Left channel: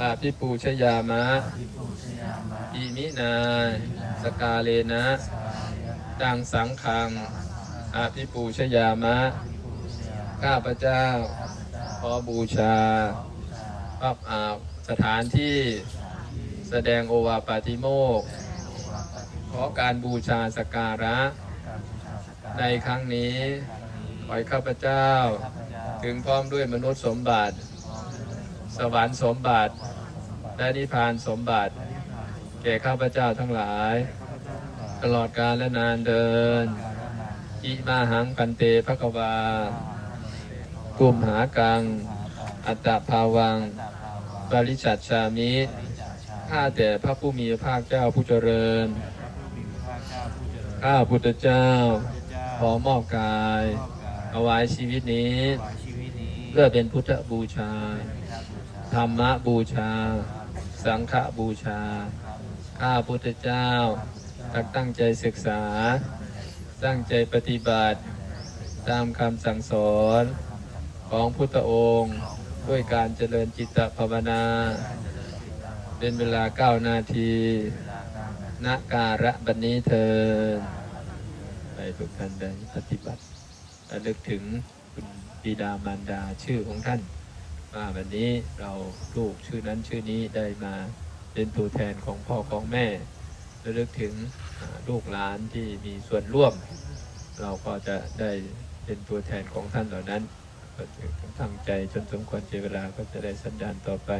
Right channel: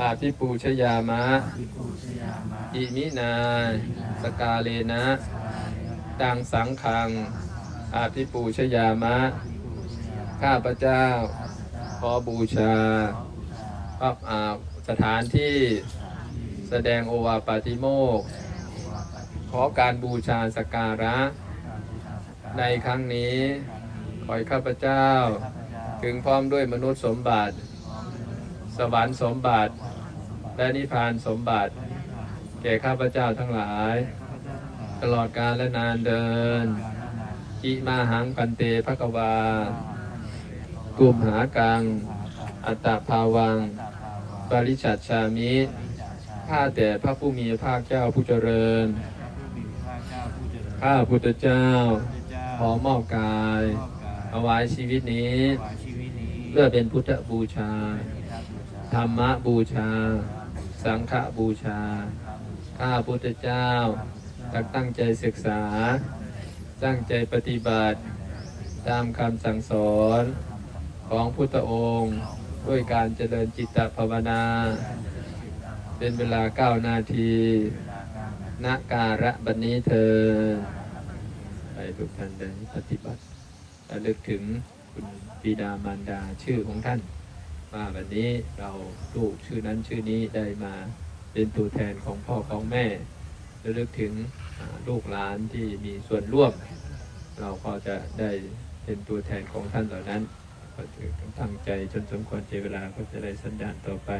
อาภิปูชยามะอิมินาสกาเลนะตังสังคัง อาภิปูชยามะ ข้าพเจ้า ขอบูชาอ่าสถานที่แสดงโอวาปาติโมก ขอการบูชาสการะ ในครั้งนี้ ขอข้าพเจ้า ถึงพร้อมด้วยมนุษย์สมบัติ สวรรค์สมบัติ และนิพพานสมบัติ แก่ข้าพเจ้าทั้งหลาย ตลอดกาลและนานเดินอิมาหังพันเตภกวาตุมหากัง อัตตภาวังปริชัดชามิข้าแต่พระผู้มีพระเจ้าผู้เจริญ ข้าพุทธเจ้า ขอมอบกายเอาไว้ชีวิตนี้ เพื่อเป็นพุทธบูชา ธรรมบูชา สังฆบูชา ข้าพุทธเจ้าตั้งตั้งใจศึกษา ตั้งใจปฏิบัติ ตามคำสั่งสอนของพุทธองค์ ด้วยการเจริญจิตภาวนา เป็นเวลาเก้านาทีณการะบันนี้เธอไปทุกท่านได้ปฏิบัติระลึกถึงบิดามารดาชื่อของท่าน ว่าวันนี้เราลูกชื่อนั้นชื่อนี้ได้มาเป็นตัวแทนของพ่อของแม่ระลึกถึงลูกหลานที่มีส่วนร่วม เราก็จะได้เป็นตัวแทนของท่านเหล่านั้นก็จะตั้งใจจนสมควรเจเวลาก็จะได้สัญญาณต่อไป